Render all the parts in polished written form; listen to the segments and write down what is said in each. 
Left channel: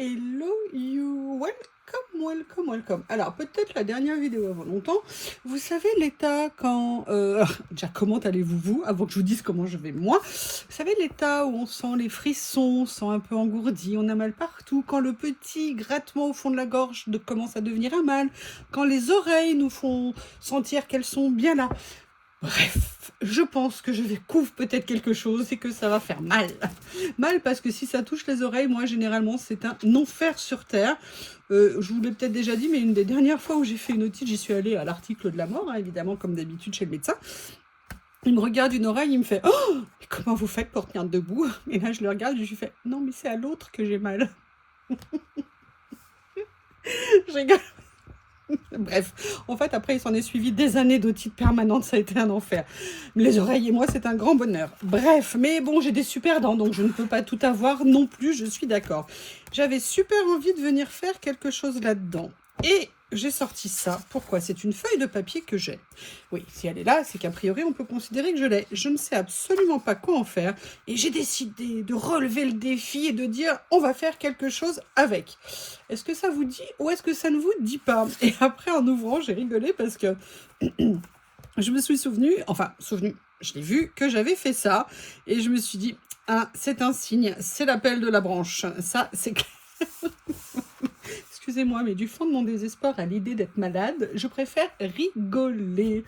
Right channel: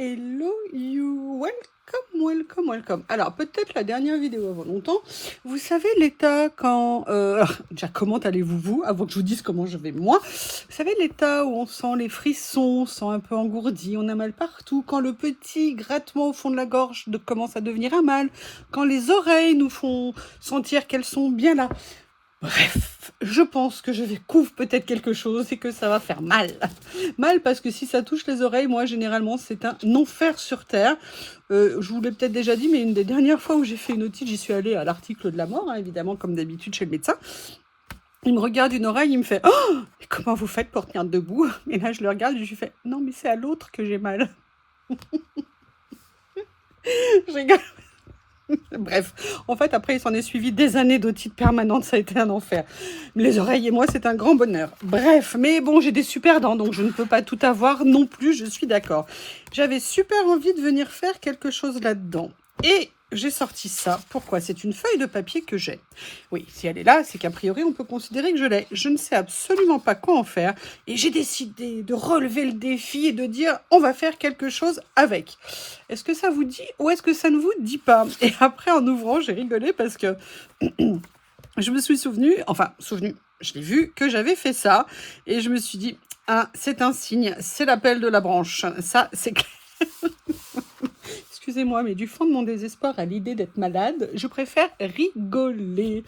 hello you, welcome, welcome, welcome. Alors, peut-être la dernière vidéo avant longtemps, vous savez l'état quand... déjà, comment allez-vous, vous, avant que je vous dise comment je vais moi. Vous savez l'état où on sent les frissons, on sent un peu engourdi, on a mal partout, quand le petit grattement au fond de la gorge commence à devenir un mal, quand les oreilles nous font sentir qu'elles sont bien là. Bref, je pense que je découvre peut-être quelque chose et que ça va faire mal. Mal parce que si ça touche les oreilles, moi, généralement, c'est un enfer sur Terre. Je vous l'ai peut-être déjà dit, mais une des dernières fois où j'ai fait une otite, j'y suis allée à l'article de la mort, hein, évidemment, comme d'habitude chez le médecin. Il me regarde une oreille, il me fait « Oh, comment vous faites pour tenir debout ?» Et là, je le regarde et je lui fais « Non, mais c'est à l'autre que j'ai mal. » Je rigole. Bref, en fait, après, il s'en est suivi des années d'otite permanente, ça a été un enfer. Les oreilles et moi, c'est un grand bonheur. Bref, mais bon, j'ai des super dents, donc je ne peux pas tout avoir non plus, je suis d'accord. J'avais super envie de venir faire quelque chose là-dedans. Et j'ai sorti ça. Pourquoi? C'est une feuille de papier que j'ai. Oui, si elle est là, c'est qu'a priori, on peut considérer que je l'ai. Je ne sais absolument pas quoi en faire. Et j'ai décidé de relever le défi et de dire, on va faire quelque chose avec. Est-ce que ça vous dit ou est-ce que ça ne vous dit pas? Et après, en ouvrant, j'ai rigolé parce que je me suis souvenu, je l'ai vu que j'avais fait ça. Et je me suis dit, ah, c'est un signe, c'est l'appel de la branche. Ça, c'est clair. Excusez-moi, mais du fond de mon désespoir à l'idée d'être malade, je préfère rigoler.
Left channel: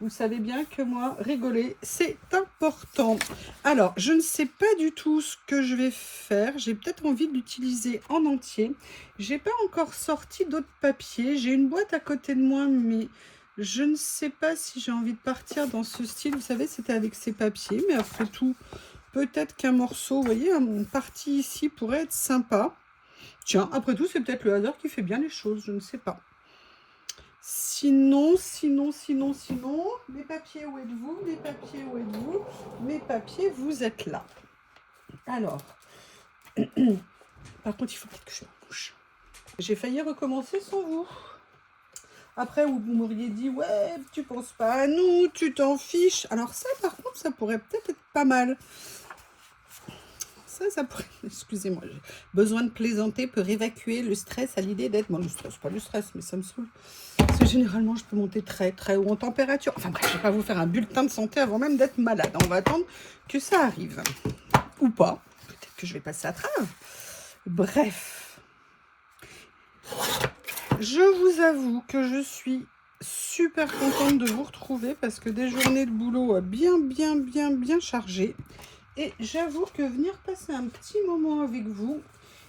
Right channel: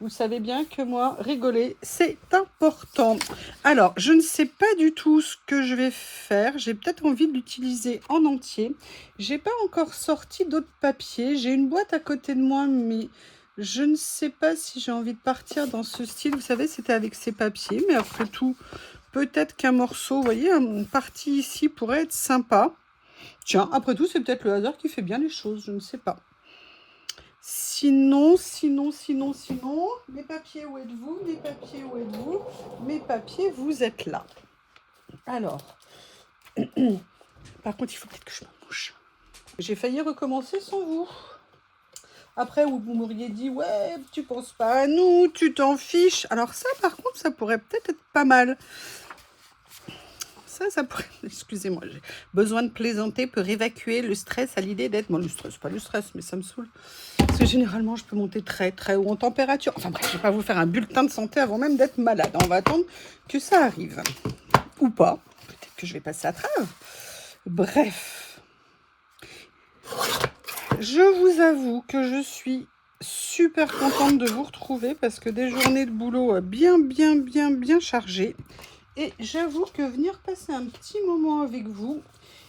Vous savez bien que moi, rigoler, c'est important. Alors, je ne sais pas du tout ce que je vais faire. J'ai peut-être envie de l'utiliser en entier. J'ai pas encore sorti d'autres papiers. J'ai une boîte à côté de moi, mais je ne sais pas si j'ai envie de partir dans ce style. Vous savez, c'était avec ces papiers, mais après tout, peut-être qu'un morceau, vous voyez, une partie ici pourrait être sympa. Tiens, après tout, c'est peut-être le hasard qui fait bien les choses, je ne sais pas. Sinon, mes papiers, où êtes-vous? Mes papiers, où êtes-vous? Mes papiers, vous êtes là. Alors, par contre, il faut peut-être que je me mouche. J'ai failli recommencer sans vous. Après, vous m'auriez dit, ouais, tu penses pas à nous, tu t'en fiches. Alors ça, par contre, ça pourrait peut-être être pas mal. Ça pourrait... Excusez-moi, j'ai besoin de plaisanter pour évacuer le stress à l'idée d'être... Bon, le stress, pas le stress, mais ça me saoule. Parce que généralement, je peux monter très, très haut en température. Enfin bref, je ne vais pas vous faire un bulletin de santé avant même d'être malade. On va attendre que ça arrive. Ou pas. Peut-être que je vais passer à travers. Bref. Je vous avoue que je suis super contente de vous retrouver parce que des journées de boulot bien chargées. Et j'avoue que venir passer un petit moment avec vous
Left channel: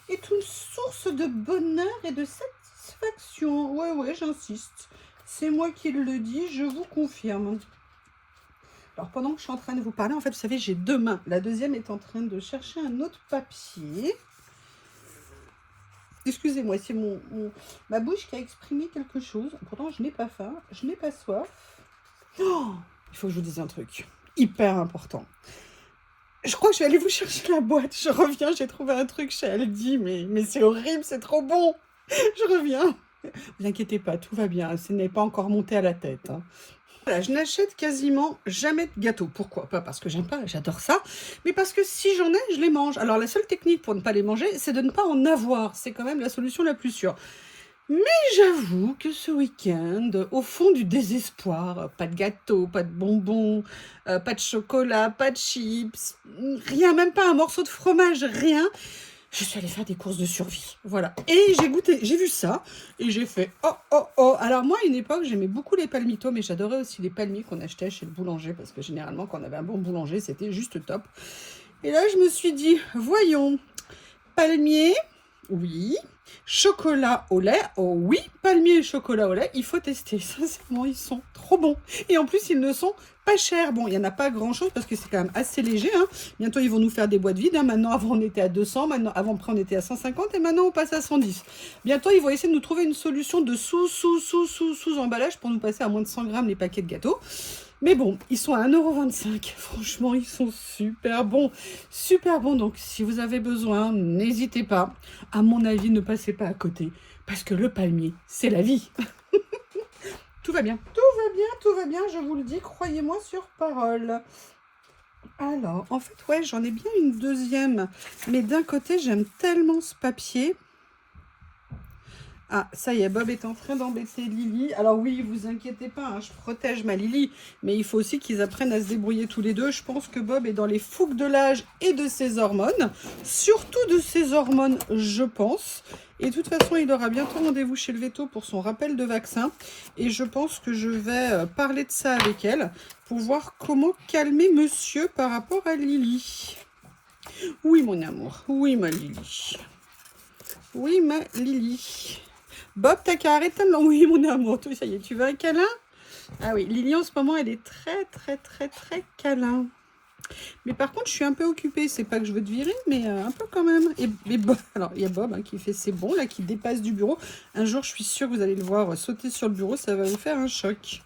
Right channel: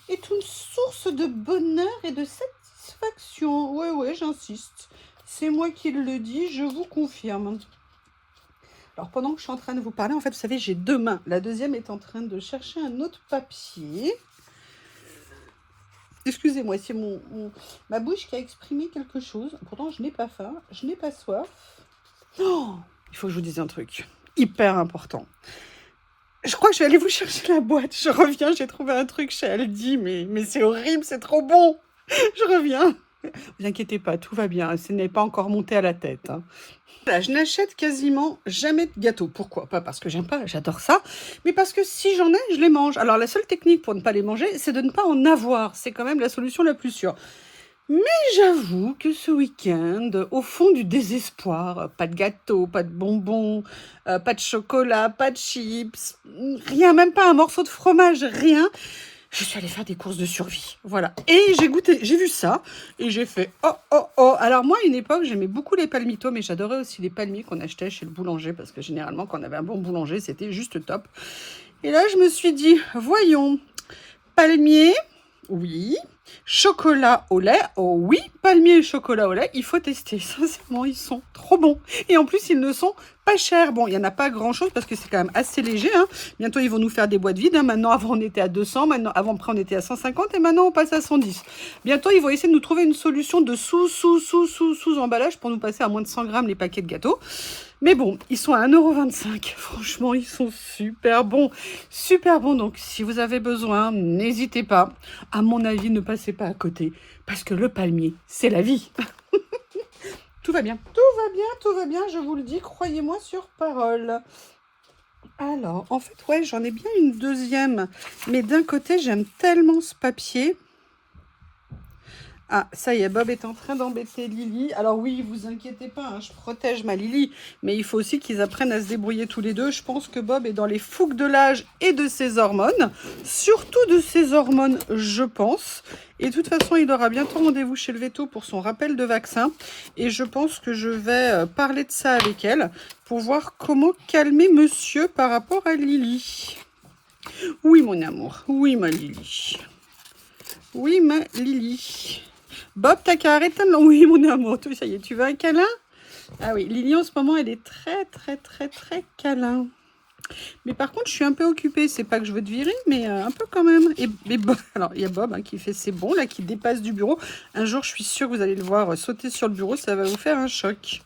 est une source de bonheur et de satisfaction. Ouais, j'insiste. C'est moi qui le dis, je vous confirme. Alors, pendant que je suis en train de vous parler, en fait, vous savez, j'ai deux mains. La deuxième est en train de chercher un autre papier. Excusez-moi, c'est ma bouche qui a exprimé quelque chose. Pourtant, je n'ai pas faim, je n'ai pas soif. Oh, il faut que je vous dise un truc hyper important. Je crois que je vais aller vous chercher la boîte. Je reviens, j'ai trouvé un truc chez Aldi, mais c'est horrible, c'est trop bon. Je reviens. Vous inquiétez pas, tout va bien. Ce n'est pas encore monté à la tête. Hein. Voilà, je n'achète quasiment jamais de gâteaux. Pourquoi? Pas parce que j'aime pas, j'adore ça, mais parce que si j'en ai, je les mange. Alors la seule technique pour ne pas les manger, c'est de ne pas en avoir. C'est quand même la solution la plus sûre. Mais j'avoue que ce week-end, au fond du désespoir, pas de gâteau, pas de bonbons, pas de chocolat, pas de chips, rien, même pas un morceau de fromage, rien. Je suis allée faire des courses de survie, voilà. Et j'ai goûté, j'ai vu ça, et j'ai fait oh. Alors moi, à une époque, j'aimais beaucoup les palmitos, mais j'adorais aussi les palmiers qu'on achetait chez le boulanger, parce que généralement, quand on avait un bon boulanger, c'était juste top. Et là, je me suis dit, voyons, palmier, oui. Chocolat au lait, oh oui, palmier et chocolat au lait, il faut tester. Sincèrement, ils sont trop bons. Et en plus, ils ne sont pas chers. Bon, il n'y en a pas grand-chose parce que c'est quand même assez léger. Hein. Bientôt, ils vont nous faire des boîtes vides. Hein. Maintenant, avant, on était à 200. Maintenant, après, on était à 150. Et maintenant, on passe à 110. Bientôt, ils vont essayer de nous trouver une solution de sous-emballage pour nous passer à moins de 100 grammes les paquets de gâteaux. Mais bon, ils sont à 1,25 €. Franchement, ils sont super bons. Super bons. Donc, si vous avez besoin, n'hésitez pas. À mon avis, ne passez pas à côté. Parce que le palmier, c'est la vie. Tout va bien. Tout va bien. Je vous le dis, croyez-moi sur parole. Alors, en fait, ouais, j'en ai bien une deuxième. Mais d'un côté, j'aime tellement ce papier. Ah, ça y est, Bob est en train d'embêter Lily. Alors oui, vous inquiétez pas, hein, je protège ma Lily, mais il faut aussi qu'ils apprennent à se débrouiller tous les deux. Je pense que Bob est dans les fougues de l'âge et de ses hormones, surtout de ses hormones, je pense. Et de toute façon, il aura bientôt rendez-vous chez le veto pour son rappel de vaccin. Et je pense que je vais parler de ça avec elle pour voir comment calmer monsieur par rapport à Lily. Oui, mon amour. Oui, ma Lily. Oui, ma Lily. Bob, t'as qu'à arrêter de... Oui, mon amour, tout ça y est, tu veux un câlin? Ah oui, Lily, en ce moment, elle est très câlin. Mais par contre, je suis un peu occupée. C'est pas que je veux te virer, mais un peu quand même. Et Bob, alors, il y a Bob hein, qui fait ses bons, là, qui dépasse du bureau. Un jour, je suis sûre que vous allez le voir sauter sur le bureau. Ça va vous faire un choc.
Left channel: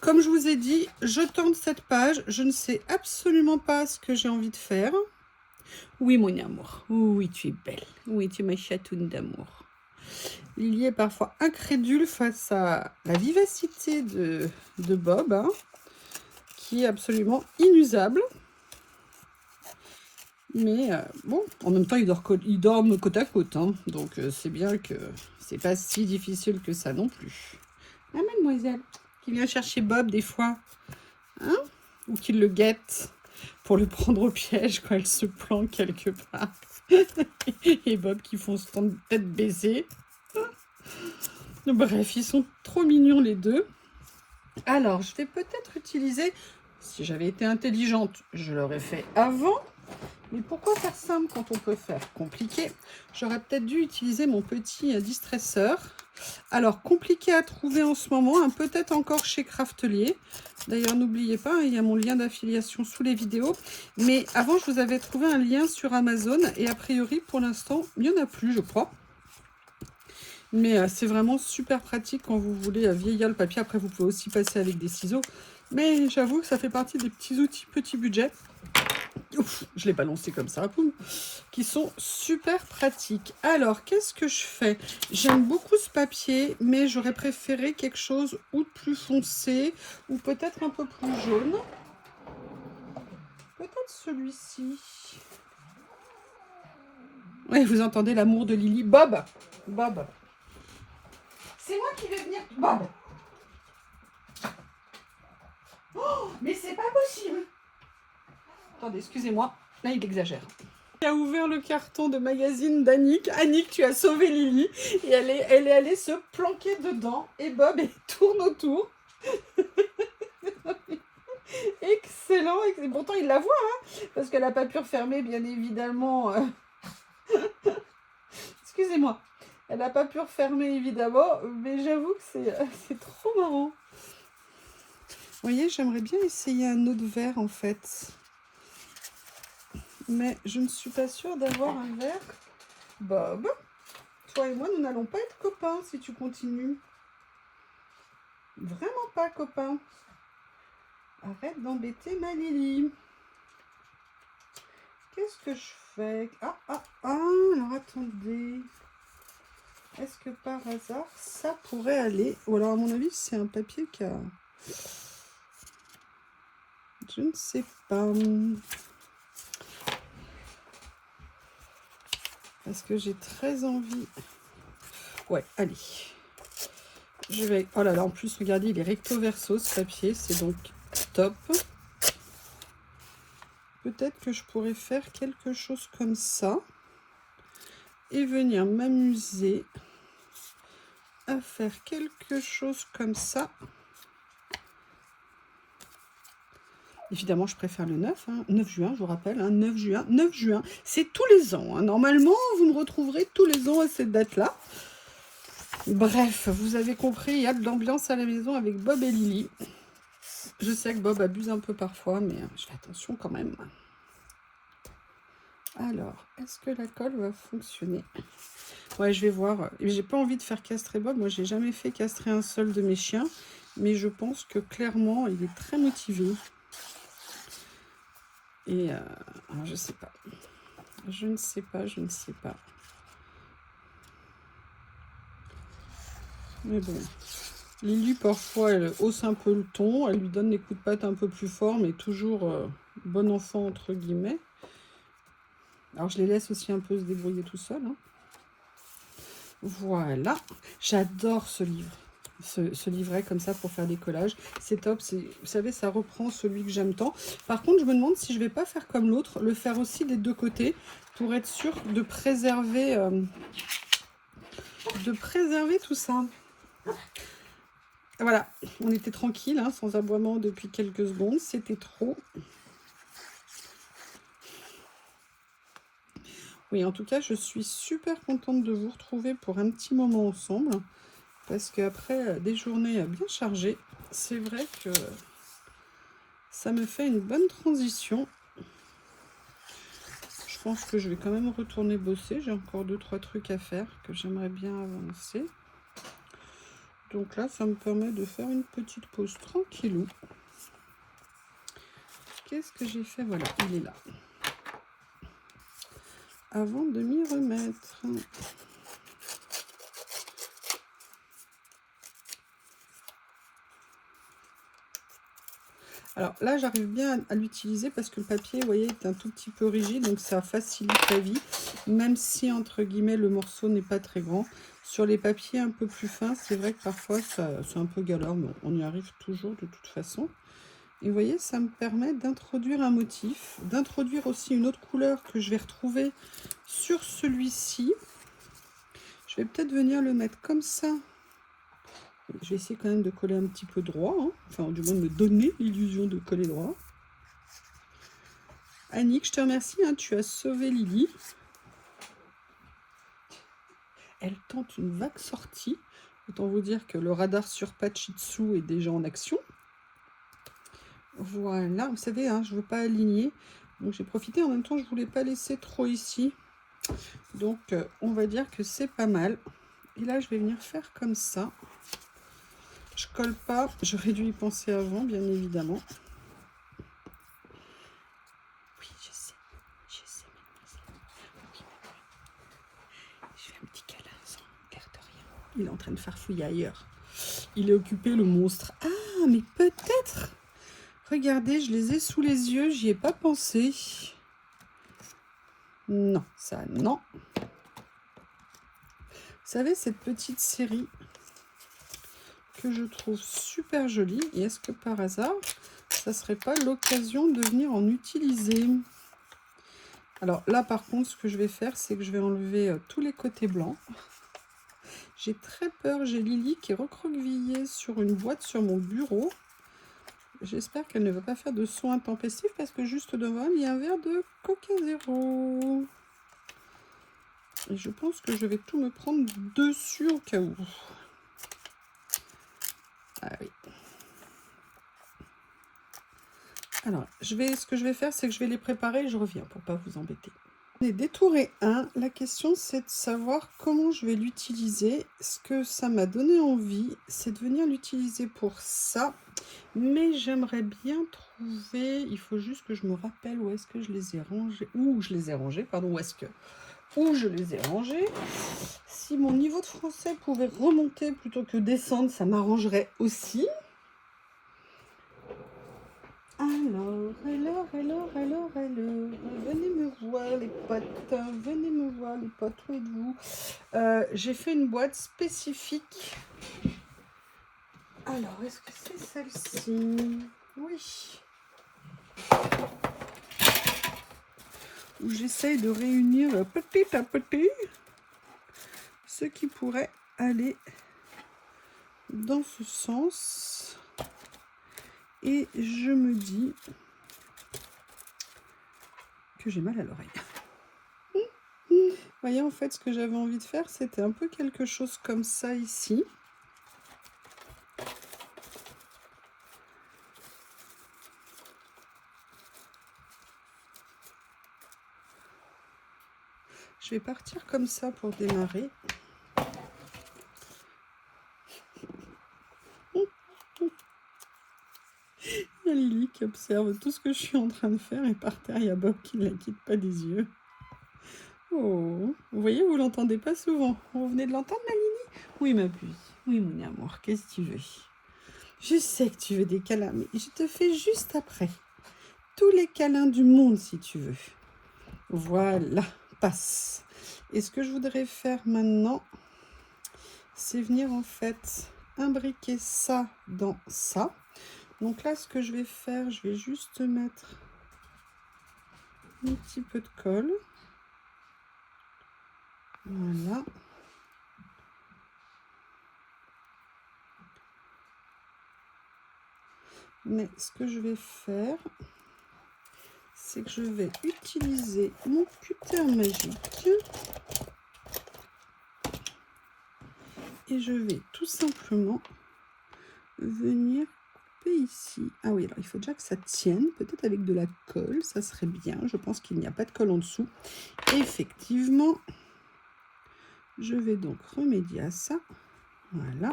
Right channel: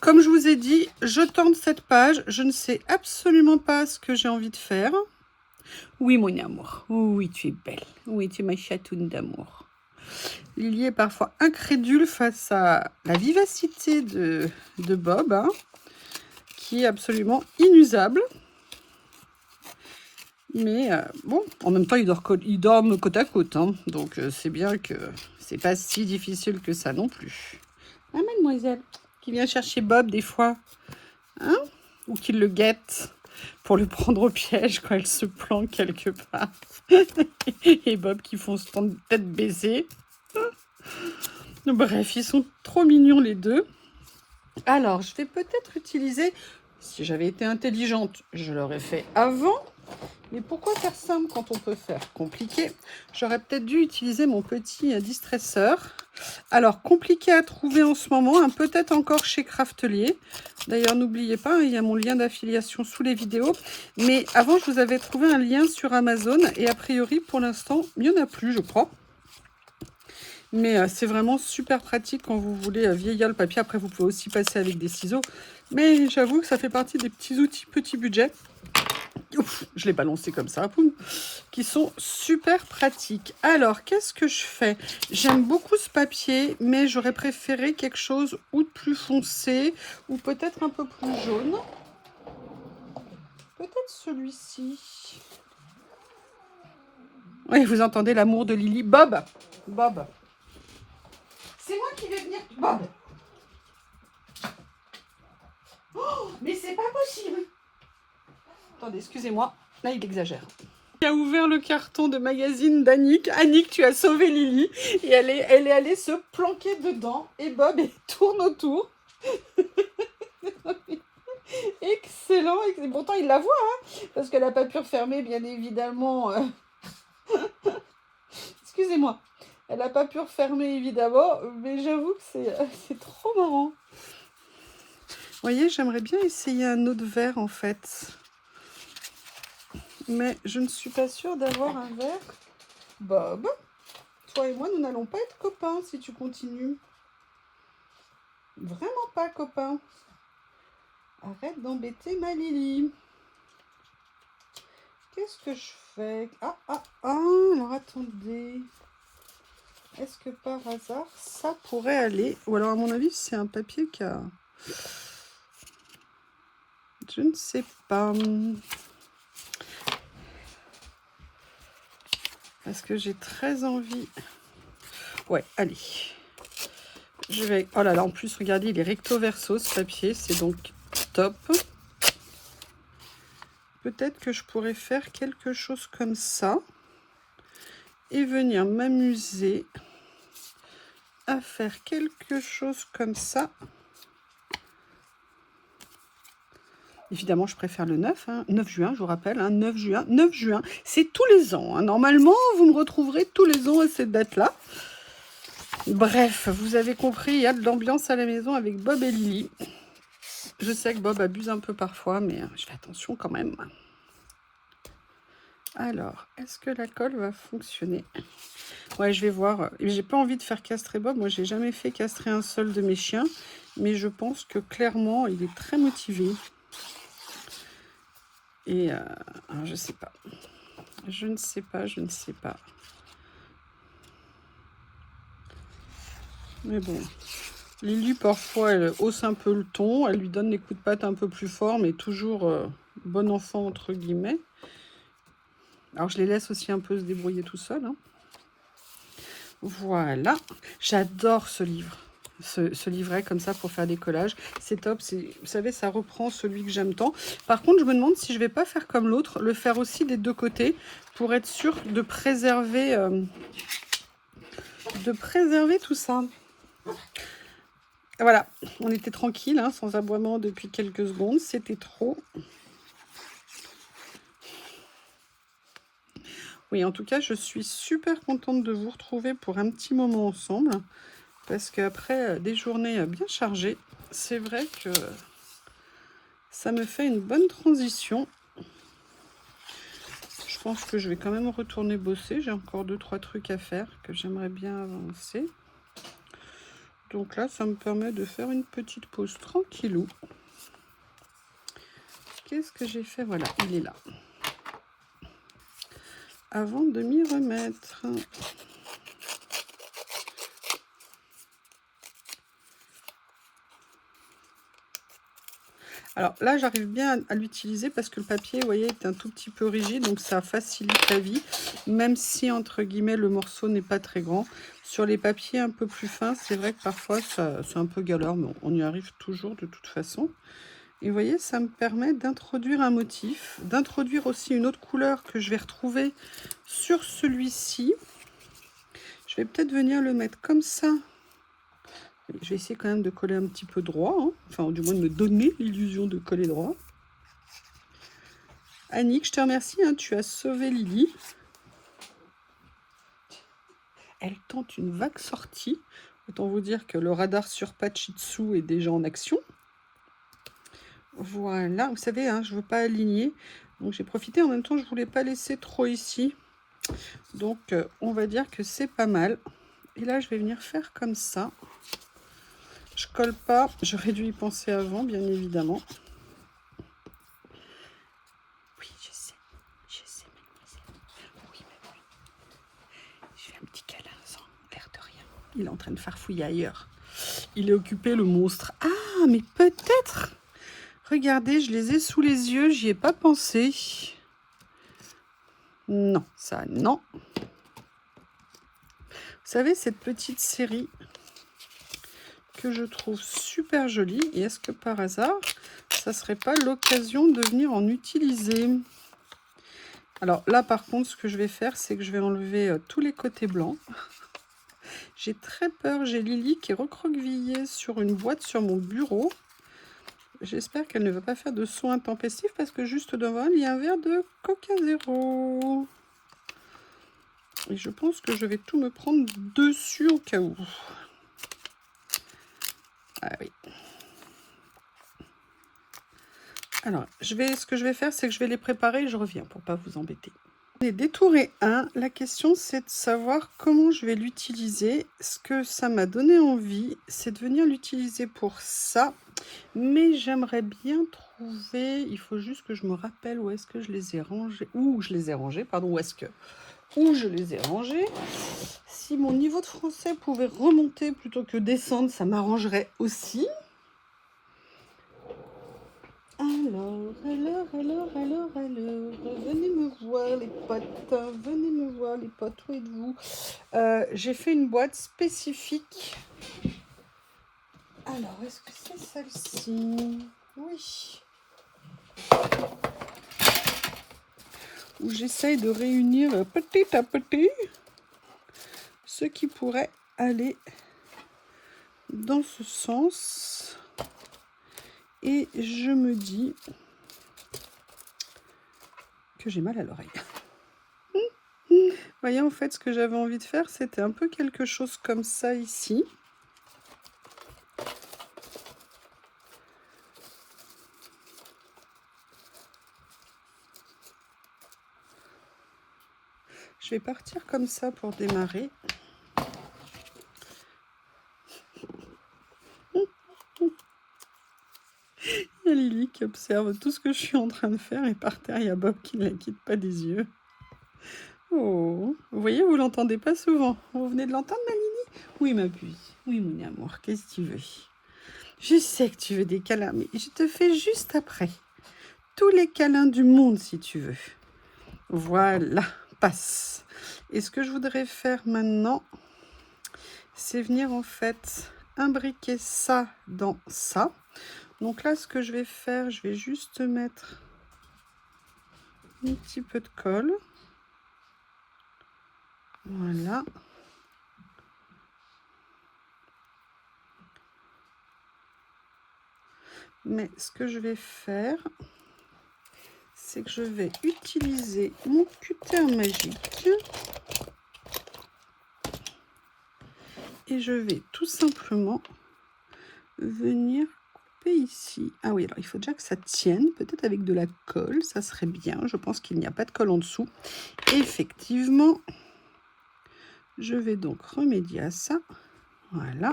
Comme je vous ai dit, je tente cette page. Je ne sais absolument pas ce que j'ai envie de faire. Oui, mon amour. Oui, tu es belle. Oui, tu es ma chatoune d'amour. Lily est parfois incrédule face à la vivacité de Bob, hein, qui est absolument inusable. Mais bon, en même temps, ils dorment côte à côte. Hein, donc, c'est bien que c'est pas si difficile que ça non plus. Ah, mademoiselle, qui vient chercher Bob des fois. Hein, ou qu'il le guette pour le prendre au piège quand elle se planque quelque part. Et Bob qui fonce tête baissée. Bref, ils sont trop mignons les deux. Alors, je vais peut-être utiliser, si j'avais été intelligente, je l'aurais fait avant. Mais pourquoi faire simple quand on peut faire compliqué? J'aurais peut-être dû utiliser mon petit distresseur. Alors, compliqué à trouver en ce moment, hein, peut-être encore chez Craftelier. D'ailleurs, n'oubliez pas, il y a mon lien d'affiliation sous les vidéos. Mais avant, je vous avais trouvé un lien sur Amazon. Et a priori, pour l'instant, il n'y en a plus, je crois. Mais c'est vraiment super pratique quand vous voulez vieillir le papier. Après, vous pouvez aussi passer avec des ciseaux. Mais j'avoue que ça fait partie des petits outils petit budget. Ouf, je l'ai balancé comme ça, poum, qui sont super pratiques. Alors, qu'est-ce que je fais? J'aime beaucoup ce papier, mais j'aurais préféré quelque chose ou de plus foncé, ou peut-être un peu plus jaune. Peut-être celui-ci. Oui, vous entendez l'amour de Lily. Bob, Bob. C'est moi qui vais venir. Bob. Oh, mais c'est pas possible. Attendez, excusez-moi. Là, il exagère. Il a ouvert le carton de magazine d'Annick. Annick, tu as sauvé Lily. Et elle est allée se planquer dedans. Et Bob, il tourne autour. Excellent. Et pourtant, il la voit, hein, parce qu'elle n'a pas pu refermer, bien évidemment. Excusez-moi. Elle n'a pas pu refermer, évidemment. Mais j'avoue que c'est trop marrant. Vous voyez, j'aimerais bien essayer un autre verre, en fait. Mais je ne suis pas sûre d'avoir un verre. Bob, toi et moi, nous n'allons pas être copains si tu continues. Vraiment pas copains. Arrête d'embêter ma Lily. Qu'est-ce que je fais? Alors attendez. Est-ce que par hasard, ça pourrait aller? Ou alors, à mon avis, c'est un papier qui a... Je ne sais pas. Parce que j'ai très envie. Ouais, allez. Je vais... Oh là là, en plus, regardez, il est recto verso, ce papier. C'est donc top. Peut-être que je pourrais faire quelque chose comme ça. Et venir m'amuser à faire quelque chose comme ça. Évidemment, je préfère le 9, hein, 9 juin, je vous rappelle, hein, 9 juin, c'est tous les ans. Hein. Normalement, vous me retrouverez tous les ans à cette date-là. Bref, vous avez compris, il y a de l'ambiance à la maison avec Bob et Lily. Je sais que Bob abuse un peu parfois, mais je fais attention quand même. Alors, est-ce que la colle va fonctionner? Ouais, je vais voir. J'ai pas envie de faire castrer Bob. Moi, j'ai jamais fait castrer un seul de mes chiens. Mais je pense que clairement, il est très motivé. Et alors, je sais pas. Je ne sais pas. Mais bon. Lily, parfois, elle hausse un peu le ton. Elle lui donne des coups de patte un peu plus forts, mais toujours bon enfant, entre guillemets. Alors, je les laisse aussi un peu se débrouiller tout seul. Hein. Voilà. J'adore ce livre. Ce livret comme ça pour faire des collages. C'est top. Vous savez, ça reprend celui que j'aime tant. Par contre, je me demande si je vais pas faire comme l'autre, le faire aussi des deux côtés pour être sûr de préserver tout ça. Voilà, on était tranquille, hein, sans aboiement depuis quelques secondes. C'était trop. Oui, en tout cas, je suis super contente de vous retrouver pour un petit moment ensemble. Parce qu'après des journées bien chargées, c'est vrai que ça me fait une bonne transition. Je pense que je vais quand même retourner bosser. J'ai encore 2-3 trucs à faire que j'aimerais bien avancer. Donc là, ça me permet de faire une petite pause tranquillou. Qu'est-ce que j'ai fait? Voilà, il est là. Avant de m'y remettre. Alors là, j'arrive bien à l'utiliser parce que le papier, vous voyez, est un tout petit peu rigide, donc ça facilite la vie, même si, entre guillemets, le morceau n'est pas très grand. Sur les papiers un peu plus fins, c'est vrai que parfois, c'est un peu galère, mais on y arrive toujours de toute façon. Et vous voyez, ça me permet d'introduire un motif, d'introduire aussi une autre couleur que je vais retrouver sur celui-ci. Je vais peut-être venir le mettre comme ça. Je vais essayer quand même de coller un petit peu droit, hein. Enfin, du moins de me donner l'illusion de coller droit. Annick, je te remercie, hein, tu as sauvé Lily. Elle tente une vague sortie. Autant vous dire que le radar sur Pachitsu est déjà en action. Voilà, vous savez, hein, je ne veux pas aligner. Donc j'ai profité, en même temps, je ne voulais pas laisser trop ici. Donc on va dire que c'est pas mal. Et là, je vais venir faire comme ça. Je colle pas, j'aurais dû y penser avant, bien évidemment. Oui, je sais, mademoiselle. Oui. Je fais un petit câlin sans l'air de rien. Il est en train de farfouiller ailleurs. Il est occupé, le monstre. Ah, mais peut-être. Regardez, je les ai sous les yeux, j'y ai pas pensé. Non, ça, non. Vous savez, cette petite série que je trouve super jolie. Et est-ce que par hasard, ça serait pas l'occasion de venir en utiliser? Alors là, par contre, ce que je vais faire, c'est que je vais enlever tous les côtés blancs. J'ai très peur. J'ai Lily qui est recroquevillée sur une boîte sur mon bureau. J'espère qu'elle ne va pas faire de son intempestif parce que juste devant elle, il y a un verre de Coca Zéro. Et je pense que je vais tout me prendre dessus au cas où. Ah oui. Alors, ce que je vais faire, c'est que je vais les préparer et je reviens pour ne pas vous embêter. Les détourés 1, la question c'est de savoir comment je vais l'utiliser. Ce que ça m'a donné envie, c'est de venir l'utiliser pour ça. Mais j'aimerais bien trouver, il faut juste que je me rappelle où est-ce que je les ai rangés. Où je les ai rangés, pardon, où je les ai rangés. Si mon niveau de français pouvait remonter plutôt que descendre, ça m'arrangerait aussi. Alors, venez me voir les potes, où êtes-vous? J'ai fait une boîte spécifique. Alors, est-ce que c'est celle-ci? Oui. Où j'essaye de réunir petit à petit ce qui pourrait aller dans ce sens. Et je me dis que j'ai mal à l'oreille. Vous voyez, en fait, ce que j'avais envie de faire, c'était un peu quelque chose comme ça ici. Je vais partir comme ça pour démarrer. Il y a Lily qui observe tout ce que je suis en train de faire et par terre, il y a Bob qui ne la quitte pas des yeux. Oh, vous voyez, vous l'entendez pas souvent. Vous venez de l'entendre, ma Lily? Oui, ma puce. Oui, mon amour, qu'est-ce que tu veux? Je sais que tu veux des câlins, mais je te fais juste après. Tous les câlins du monde, si tu veux. Voilà, passe. Et ce que je voudrais faire maintenant, c'est venir en fait imbriquer ça dans ça. Donc là, ce que je vais faire, je vais juste mettre un petit peu de colle. Voilà. Mais ce que je vais faire, c'est que je vais utiliser mon cutter magique et je vais tout simplement venir couper ici. Ah oui, alors il faut déjà que ça tienne, peut-être avec de la colle, ça serait bien. Je pense qu'il n'y a pas de colle en dessous. Et effectivement, je vais donc remédier à ça. Voilà.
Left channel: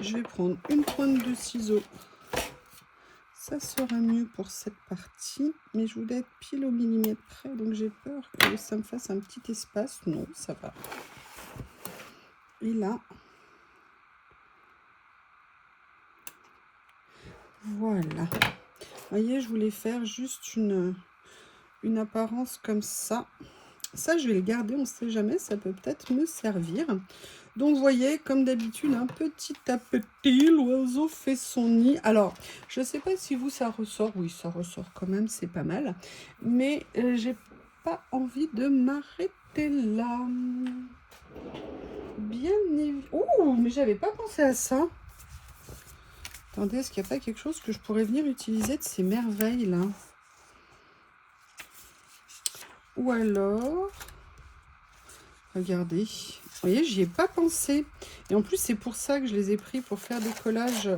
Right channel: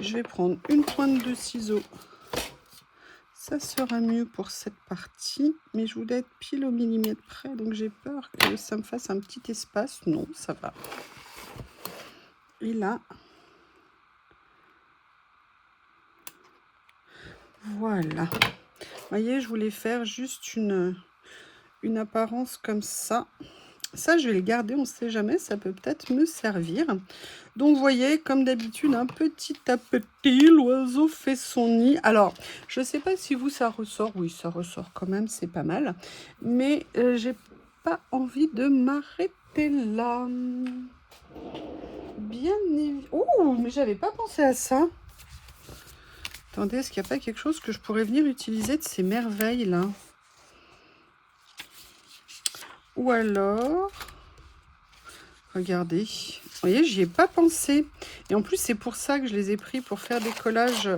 Je vais prendre une pointe de ciseau. Ça sera mieux pour cette partie, mais je voulais être pile au millimètre près, donc j'ai peur que ça me fasse un petit espace. Non, ça va. Et là, voilà. Vous voyez, je voulais faire juste une apparence comme ça. Ça, je vais le garder, on ne sait jamais, ça peut peut-être me servir. Donc, vous voyez, comme d'habitude, un petit à petit, l'oiseau fait son nid. Alors, je ne sais pas si vous, ça ressort. Oui, ça ressort quand même, c'est pas mal. Mais j'ai pas envie de m'arrêter là. Bien évidemment. Oh, mais j'avais pas pensé à ça. Attendez, est-ce qu'il n'y a pas quelque chose que je pourrais venir utiliser de ces merveilles là? Ou alors, regardez, vous voyez, j'y ai pas pensé. Et en plus, c'est pour ça que je les ai pris pour faire des collages.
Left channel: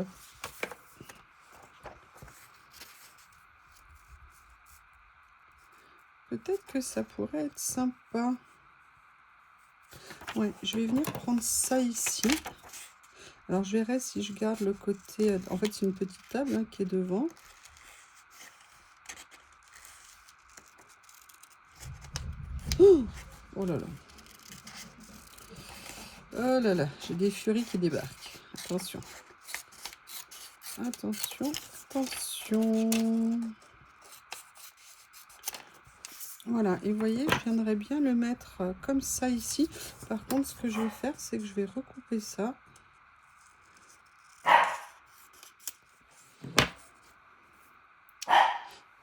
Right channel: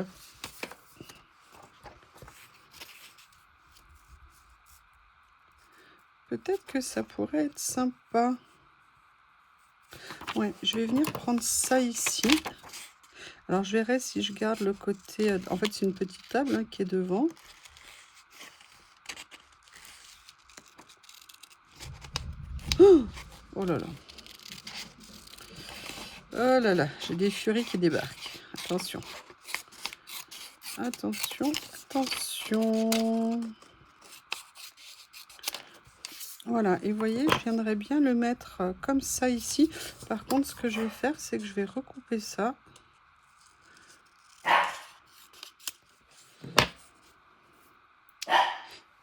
Peut-être que ça pourrait être sympa. Ouais, je vais venir prendre ça ici. Alors, je verrai si je garde le côté... En fait, c'est une petite table hein, qui est devant. Oh là là. Oh là là, j'ai des furies qui débarquent. Attention. Attention, attention. Voilà, et vous voyez, je viendrais bien le mettre comme ça ici. Par contre, ce que je vais faire, c'est que je vais recouper ça.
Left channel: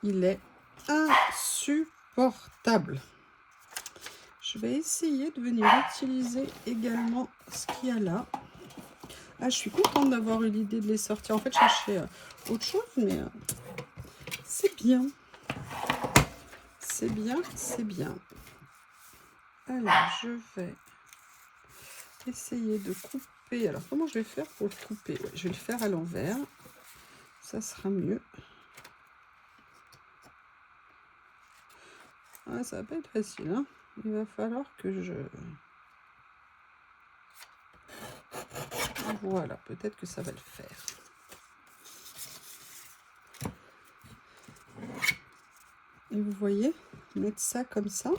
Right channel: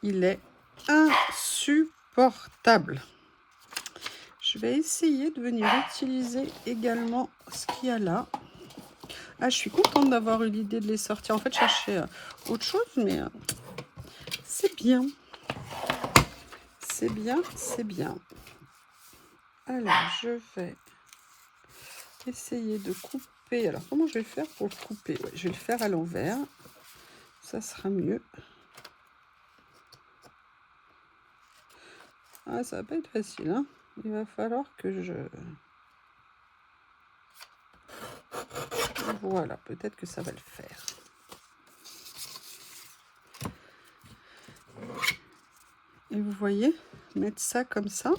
Il est insupportable. Je vais essayer de venir utiliser également ce qu'il y a là. Ah, je suis contente d'avoir eu l'idée de les sortir. En fait, je cherchais autre chose, mais c'est bien. C'est bien, c'est bien. Alors, je vais essayer de couper. Alors, comment je vais faire pour le couper? Ouais, je vais le faire à l'envers. Ça sera mieux. Ah, ça va pas être facile, hein. Il va falloir que je... Voilà, peut-être que ça va le faire. Et vous voyez, mettre ça comme ça.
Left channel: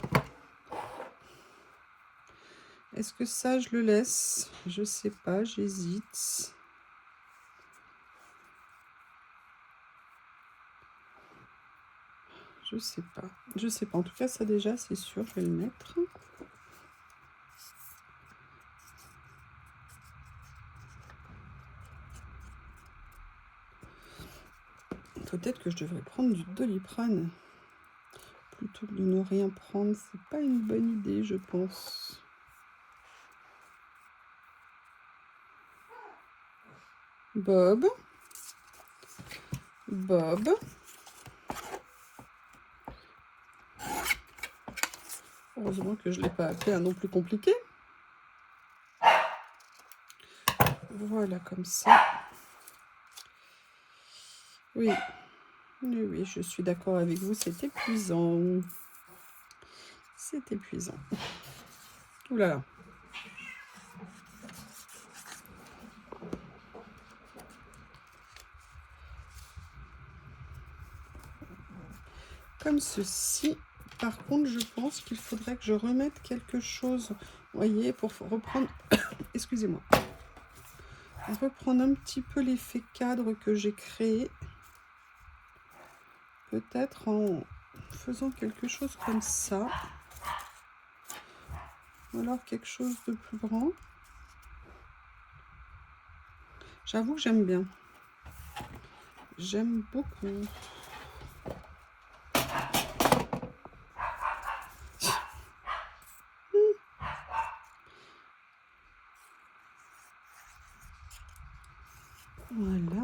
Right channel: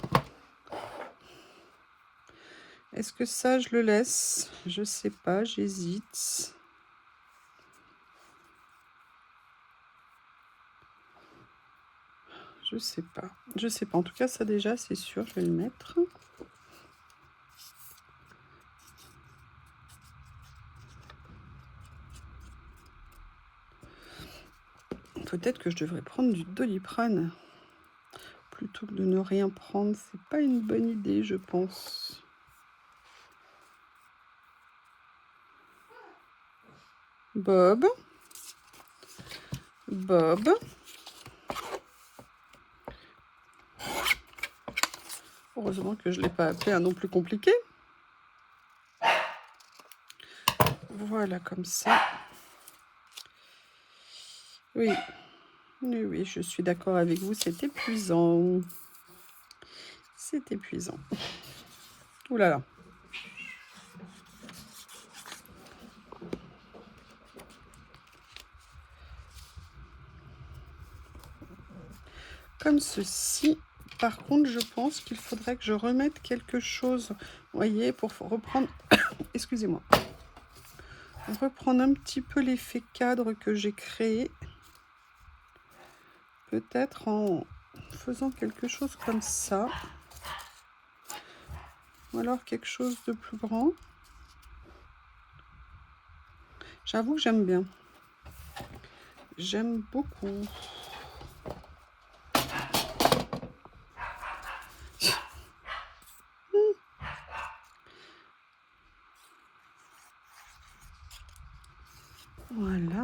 Est-ce que ça, je le laisse? Je sais pas, j'hésite. Je sais pas. Je sais pas. En tout cas, ça déjà, c'est sûr, je vais le mettre. Peut-être que je devrais prendre du Doliprane plutôt que de ne rien prendre. C'est pas une bonne idée, je pense. Bob. Bob. Heureusement que je ne l'ai pas appelé un nom plus compliqué. Voilà, comme ça. Oui. Oui, oui, je suis d'accord avec vous, c'est épuisant. C'est épuisant. Ouh là là. Comme ceci. Par contre, je pense qu'il faudrait que je remette quelque chose, vous voyez, pour reprendre, excusez-moi, reprendre un petit peu l'effet cadre que j'ai créé. Peut-être en faisant quelque chose comme ça. Ou alors quelque chose de plus grand. J'avoue que j'aime bien. J'aime beaucoup. Voilà.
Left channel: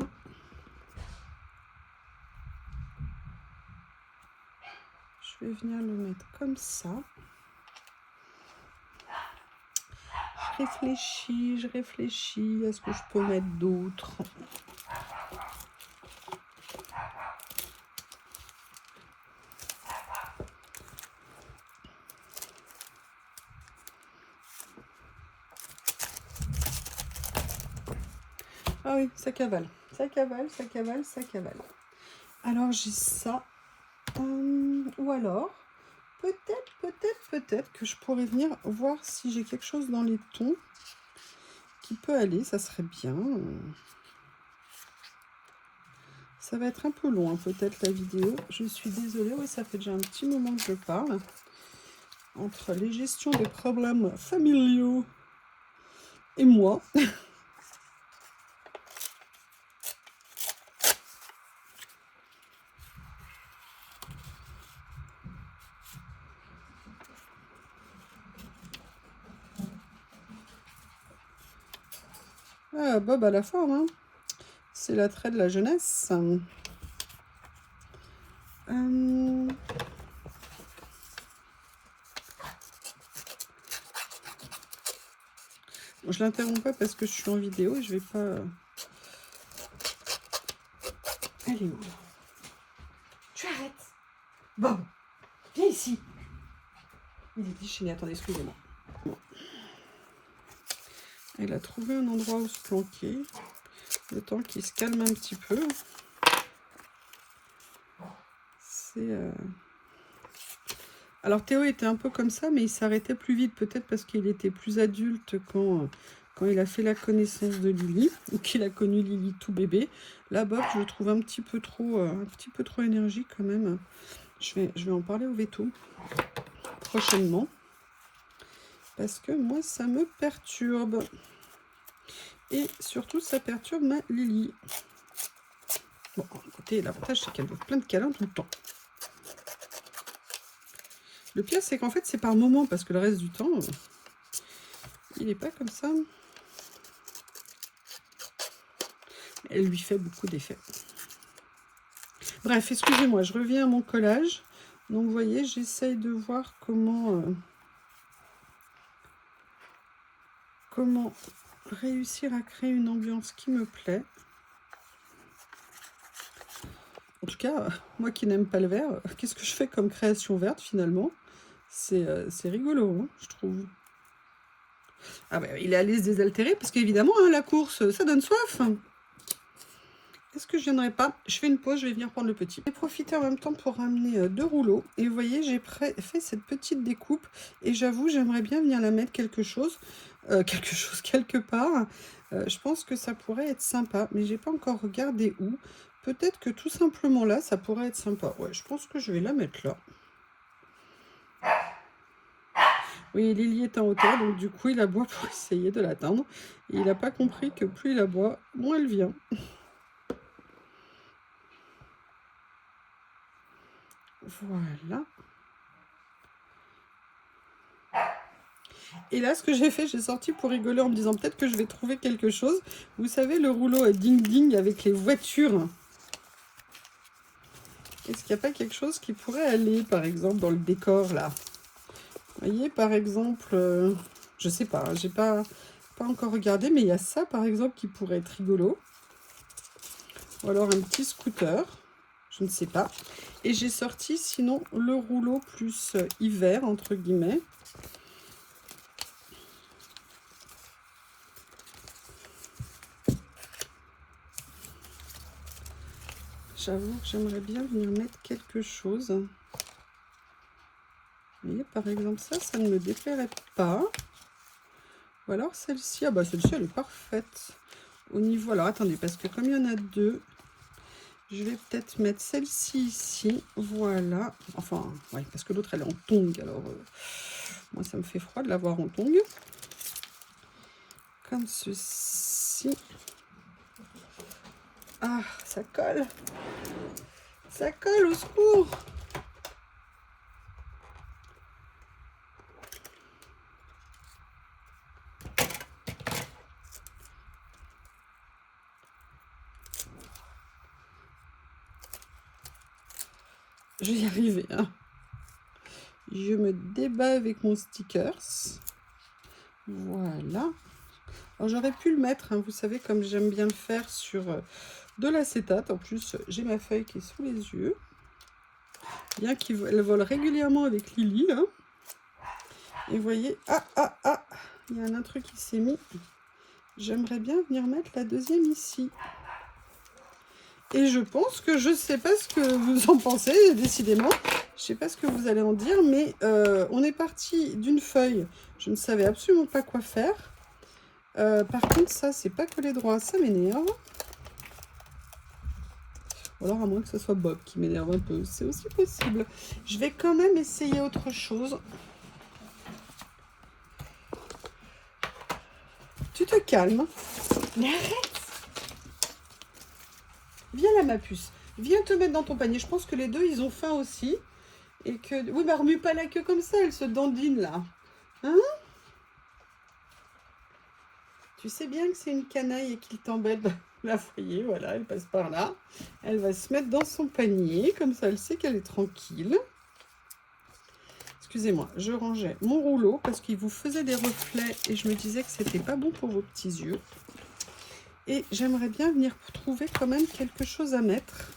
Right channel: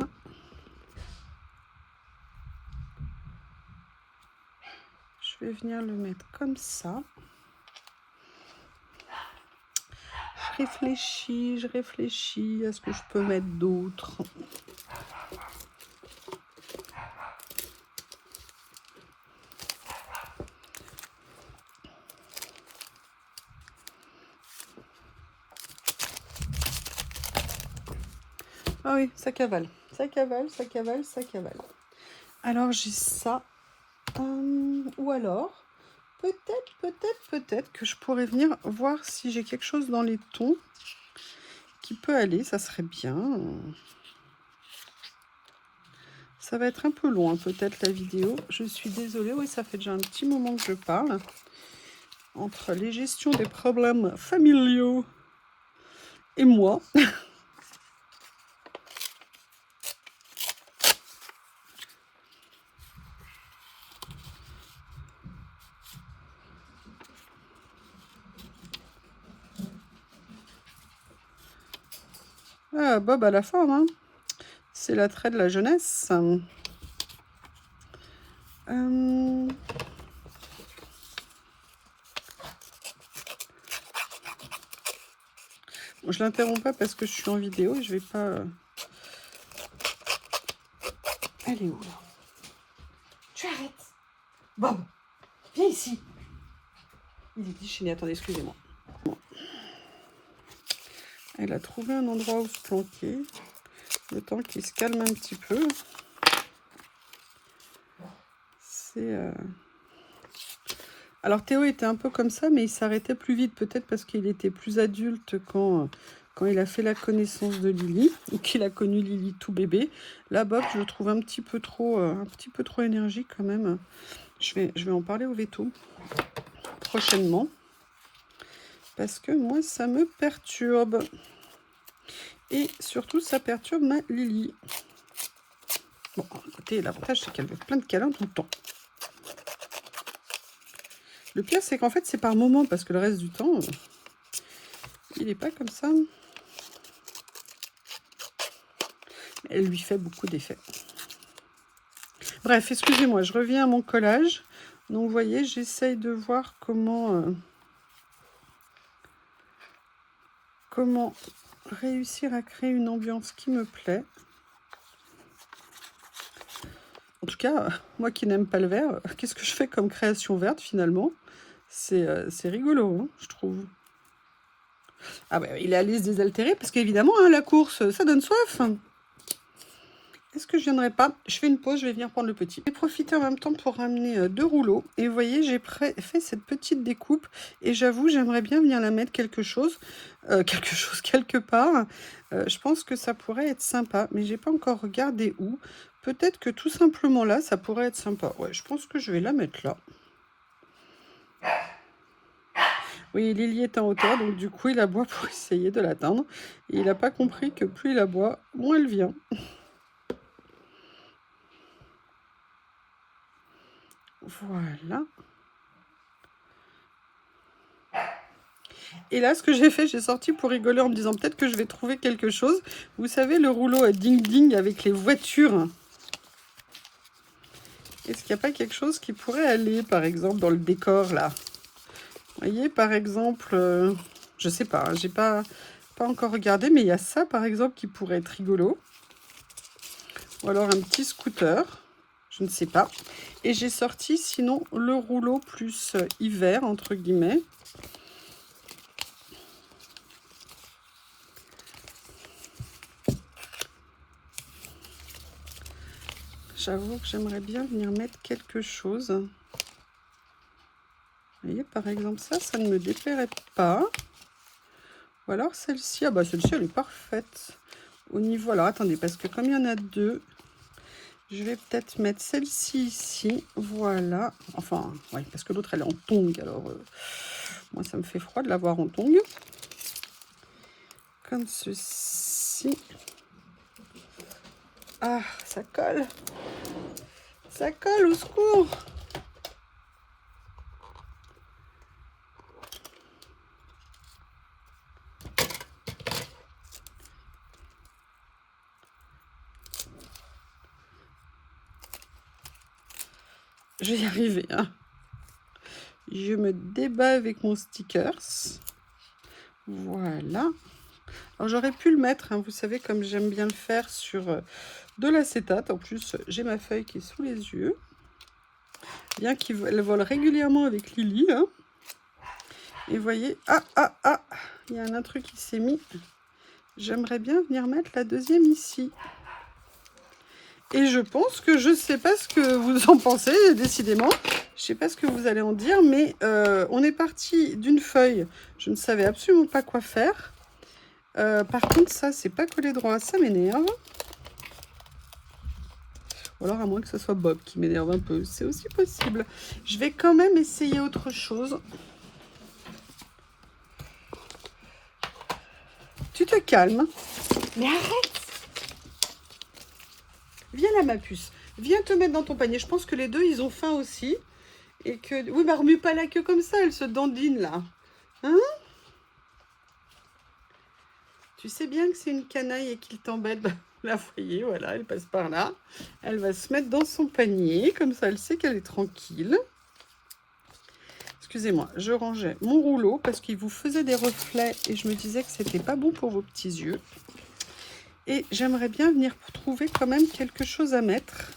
Je vais venir le mettre comme ça. Je réfléchis à ce que je peux mettre d'autre. Ah oui, ça cavale. Ça cavale, ça cavale, ça cavale. Alors j'ai ça. Ou alors, peut-être que je pourrais venir voir si j'ai quelque chose dans les tons qui peut aller. Ça serait bien. Ça va être un peu long, peut-être, la vidéo. Je suis désolée. Oui, ça fait déjà un petit moment que je parle. Entre les gestions des problèmes familiaux et moi. Ah, Bob à la forme, hein. C'est l'attrait de la jeunesse. Je l'interromps pas parce que je suis en vidéo et je vais pas... Elle est où là? Tu arrêtes. Bob, viens ici. Il est déchaîné. Attendez, excusez-moi. Bon. Elle a trouvé un endroit où se planquer. Le temps qu'il se calme un petit peu. C'est... Alors Théo était un peu comme ça, mais il s'arrêtait plus vite, peut-être parce qu'il était plus adulte quand il a fait la connaissance de Lily, ou qu'il a connu Lily tout bébé. Là, Bob, je le trouve un petit peu trop énergique quand même. Je vais en parler au veto prochainement, parce que moi, ça me perturbe. Et surtout, ça perturbe ma Lily. Bon, écoutez, l'avantage, c'est qu'elle veut plein de câlins tout le temps. Le pire, c'est qu'en fait, c'est par moment, parce que le reste du temps, il n'est pas comme ça. Elle lui fait beaucoup d'effets. Bref, excusez-moi, je reviens à mon collage. Donc, vous voyez, j'essaye de voir comment réussir à créer une ambiance qui me plaît. En tout cas, moi qui n'aime pas le vert, qu'est-ce que je fais comme création verte finalement? C'est rigolo, hein, je trouve. Ah ouais, il est allé se désaltérer parce qu'évidemment, hein, la course, ça donne soif. Est-ce que je viendrai pas? Je fais une pause, je vais venir prendre le petit. J'ai profité en même temps pour ramener 2 rouleaux. Et vous voyez, j'ai fait cette petite découpe. Et j'avoue, j'aimerais bien venir la mettre quelque part. Je pense que ça pourrait être sympa. Mais j'ai pas encore regardé où. Peut-être que tout simplement là, ça pourrait être sympa. Ouais, je pense que je vais la mettre là. Oui, Lily est en hauteur, donc du coup, il aboie pour essayer de l'atteindre. Et il n'a pas compris que plus il aboie, moins elle vient. Voilà. Et là, ce que j'ai fait, j'ai sorti pour rigoler en me disant peut-être que je vais trouver quelque chose. Vous savez, le rouleau à ding-ding avec les voitures. Est-ce qu'il n'y a pas quelque chose qui pourrait aller, par exemple, dans le décor, là? Vous voyez, par exemple, je sais pas, j'ai pas encore regardé, mais il y a ça, par exemple, qui pourrait être rigolo. Ou alors un petit scooter, je ne sais pas. Et j'ai sorti, sinon, le rouleau plus hiver, entre guillemets. J'avoue que j'aimerais bien venir mettre quelque chose. Vous voyez, par exemple, ça ne me déplairait pas. Ou alors celle-ci, ah bah celle-ci, elle est parfaite. Au niveau, alors attendez, parce que comme il y en a 2, je vais peut-être mettre celle-ci ici. Voilà. Enfin, oui, parce que l'autre, elle est en tongs, alors... Moi, ça me fait froid de l'avoir en tongs. Comme ceci. Ah, ça colle. Ça colle, au secours. Je vais y arriver, hein. Je me débat avec mon stickers. Voilà. Alors, j'aurais pu le mettre, hein, vous savez, comme j'aime bien le faire sur de l'acétate. En plus, j'ai ma feuille qui est sous les yeux. Bien qu'elle vole régulièrement avec Lily, là. Et vous voyez, il y a un autre truc qui s'est mis. J'aimerais bien venir mettre la deuxième ici. Et je pense que je ne sais pas ce que vous en pensez, décidément. Je ne sais pas ce que vous allez en dire, mais on est parti d'une feuille. Je ne savais absolument pas quoi faire. Par contre, ça, c'est pas collé droit, ça m'énerve. Ou alors, à moins que ce soit Bob qui m'énerve un peu, c'est aussi possible. Je vais quand même essayer autre chose. Tu te calmes. Mais arrête! Viens là, ma puce. Viens te mettre dans ton panier. Je pense que les deux, ils ont faim aussi. Et que... Oui, bah remue pas la queue comme ça, elle se dandine là. Hein? Tu sais bien que c'est une canaille et qu'il t'embête. Là, vous voyez, voilà, elle passe par là. Elle va se mettre dans son panier. Comme ça, elle sait qu'elle est tranquille. Excusez-moi, je rangeais mon rouleau parce qu'il vous faisait des reflets. Et je me disais que c'était pas bon pour vos petits yeux. Et j'aimerais bien venir trouver quand même quelque chose à mettre.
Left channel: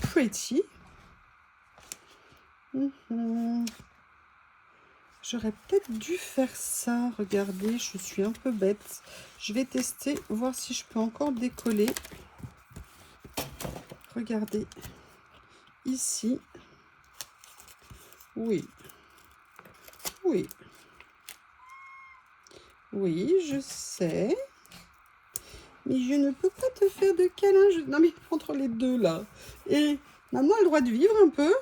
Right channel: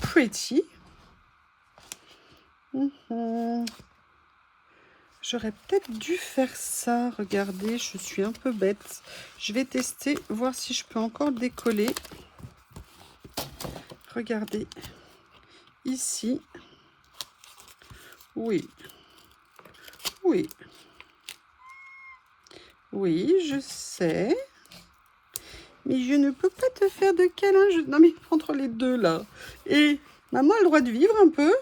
Pretty. J'aurais peut-être dû faire ça. Regardez, je suis un peu bête. Je vais tester, voir si je peux encore décoller. Regardez. Ici. Oui. Oui. Oui, je sais. Mais je ne peux pas te faire de câlin. Non, mais entre les deux, là. Et maman a le droit de vivre un peu?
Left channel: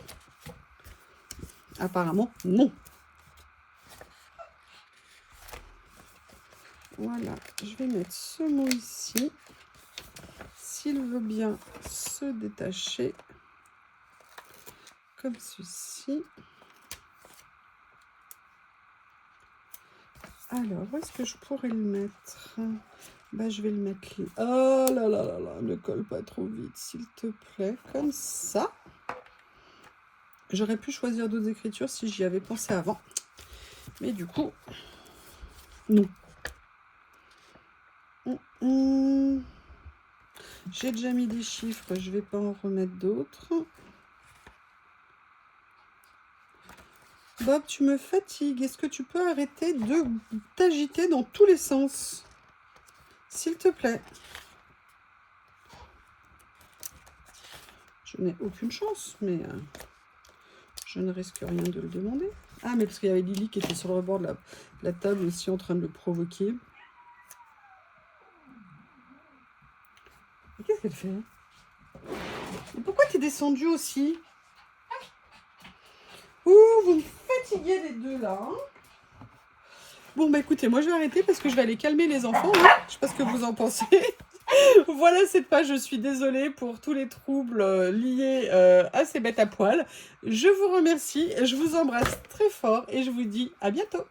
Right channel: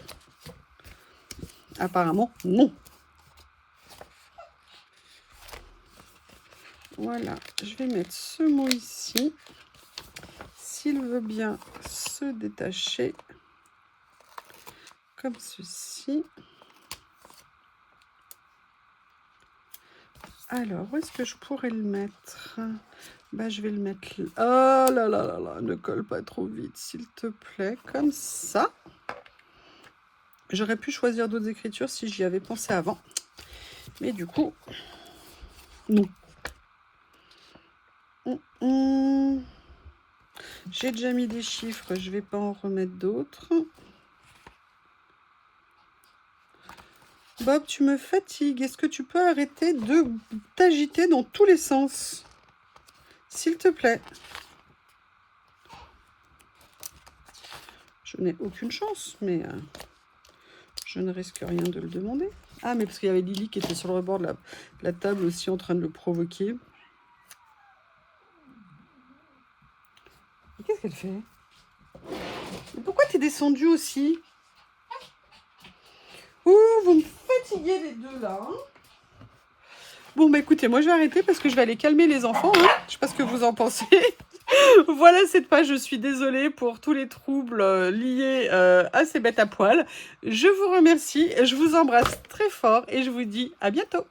Apparemment, non. Voilà, je vais mettre ce mot ici. S'il veut bien se détacher, comme ceci. Alors, où est-ce que je pourrais le mettre? Bah, je vais le mettre là. Oh là là là là, ne colle pas trop vite, s'il te plaît. Comme ça. J'aurais pu choisir d'autres écritures si j'y avais pensé avant. Mais du coup, non. J'ai déjà mis des chiffres, je ne vais pas en remettre d'autres. Bob, tu me fatigues. Est-ce que tu peux arrêter de t'agiter dans tous les sens? S'il te plaît. Je n'ai aucune chance, mais je ne risque rien de le demander. Ah, mais parce qu'il y avait Lily qui était sur le rebord de la table aussi en train de le provoquer. Qu'est-ce qu'elle fait? Mais pourquoi tu es descendue aussi? Ouh, vous me fatiguez les deux là. Bon, bah écoutez, moi je vais arrêter parce que je vais aller calmer les enfants. Hein. Je sais pas ce que vous en pensez. Voilà cette page, je suis désolée pour tous les troubles liés à ces bêtes à poil. Je vous remercie, je vous embrasse très fort et je vous dis à bientôt.